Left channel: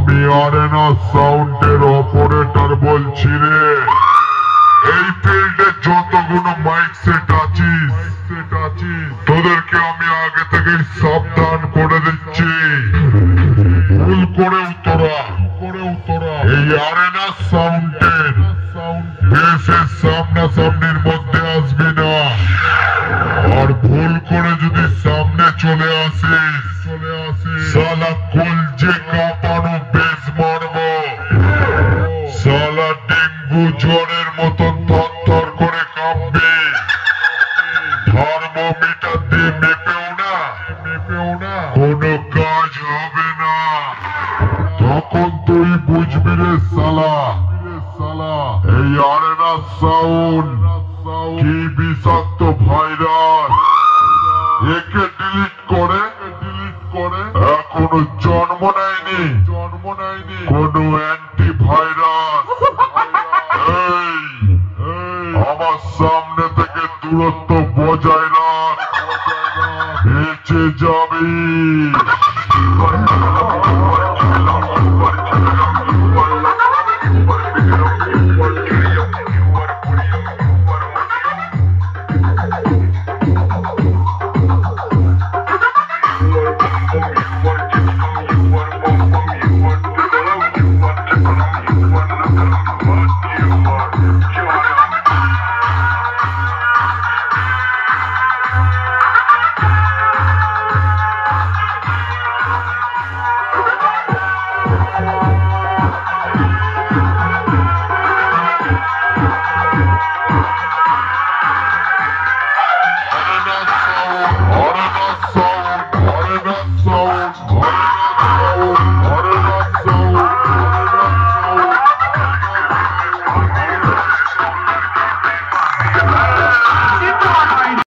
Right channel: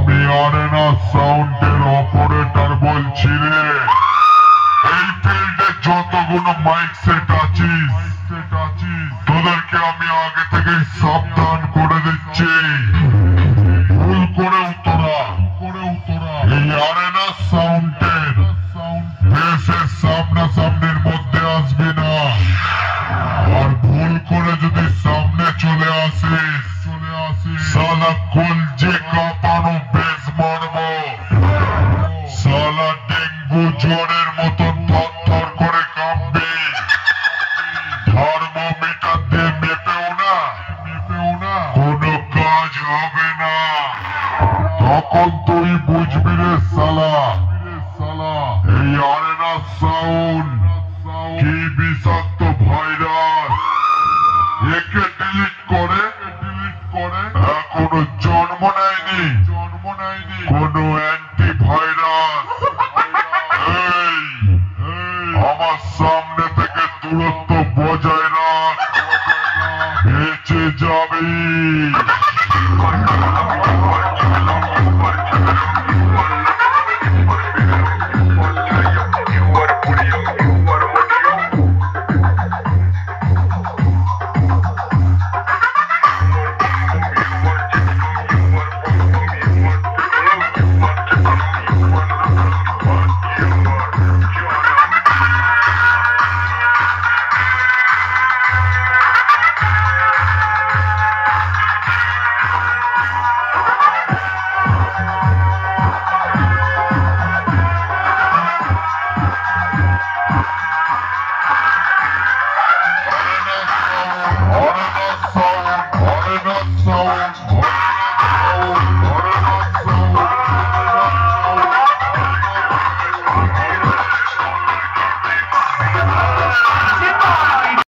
আমি আরেনা সাউন্ডের অপারেটর বলছি রে। এই ফিল্ডে যতগুলো মাইক সেট আছিস তোদেরকে আমি আগে থেকে সাবধান করে দিচ্ছি, ভুল করেও তোরা এই আরেনা সাউন্ডের বেসের সামনাসামনির মধ্যে আসবি না। আর ভুল করে যদি সামনে চলে আসিস সালা কলজে কাঁপানো বেশ মারবো। সালা ডেঙ্গু জ্বরের মতন থরথর করে কাঁপবে। থার্মোমিটার দিয়ে মেপেও না কোনো কাজ হবে না। তখন তুই বুঝবি রে সালা এই আরেনা সাউন্ড কি বিষাক্ত ভাইরাস। একে ডিলিট করে এখনো জন্ম নেয়নি কোনো অ্যান্টিভাইরাস। আমার সামনে থেকে দূরত্ব